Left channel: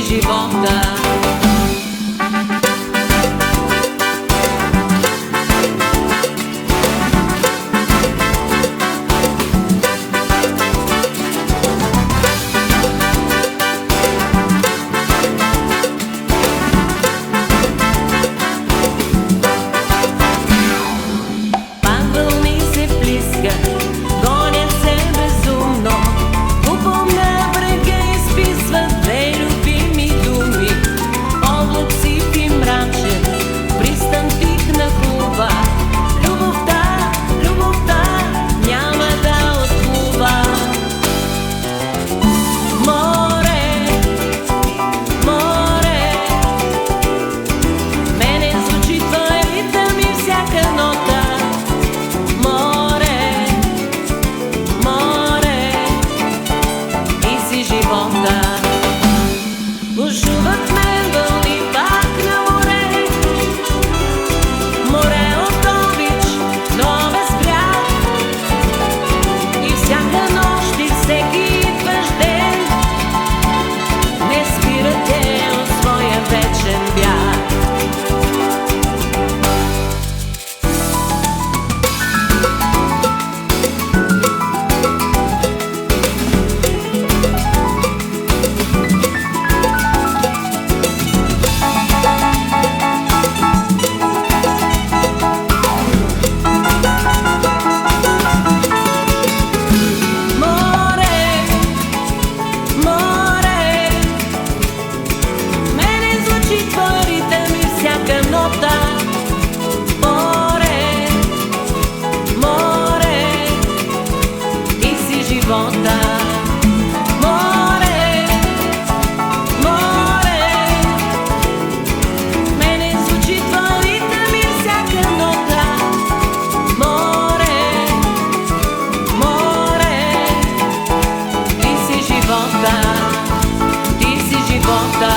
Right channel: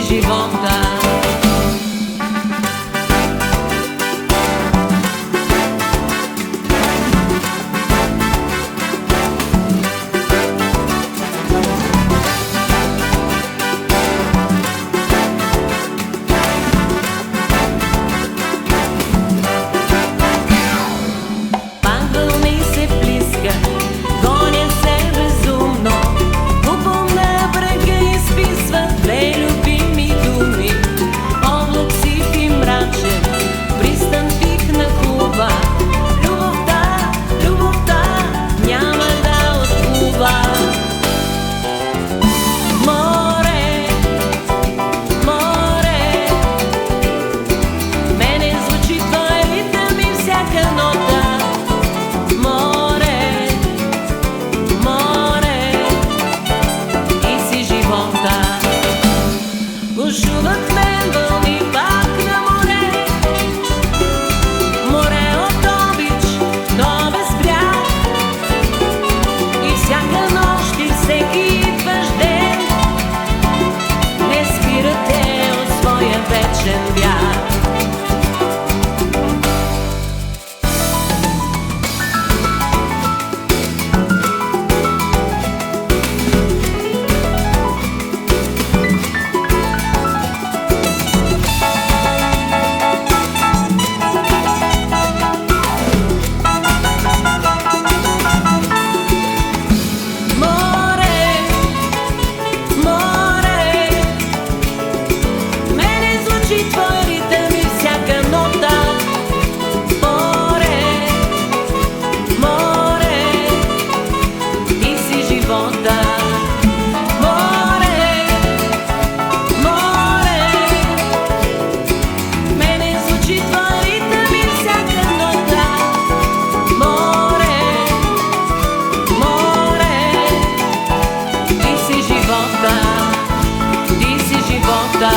си живота. Гонят се безумно, купом на брега изписват две любими думи. Облак сив и мрачен, пристан тих нахлува. Любовта, любовта няма да отплува. Море, море, мене звучи твой ритъм и всяка нота. Живота. Бушуват мен вълни пак на море, море от обич, но без бряг. И всяка нощ и всеки идващ ден не спирате от своя вечен бяг. Твой ритъм и всяка нота. Море, море, ти си живота. Море, море, мене звучи твой ритъм и всяка нота. Море, море, ти си живота, ти си живота.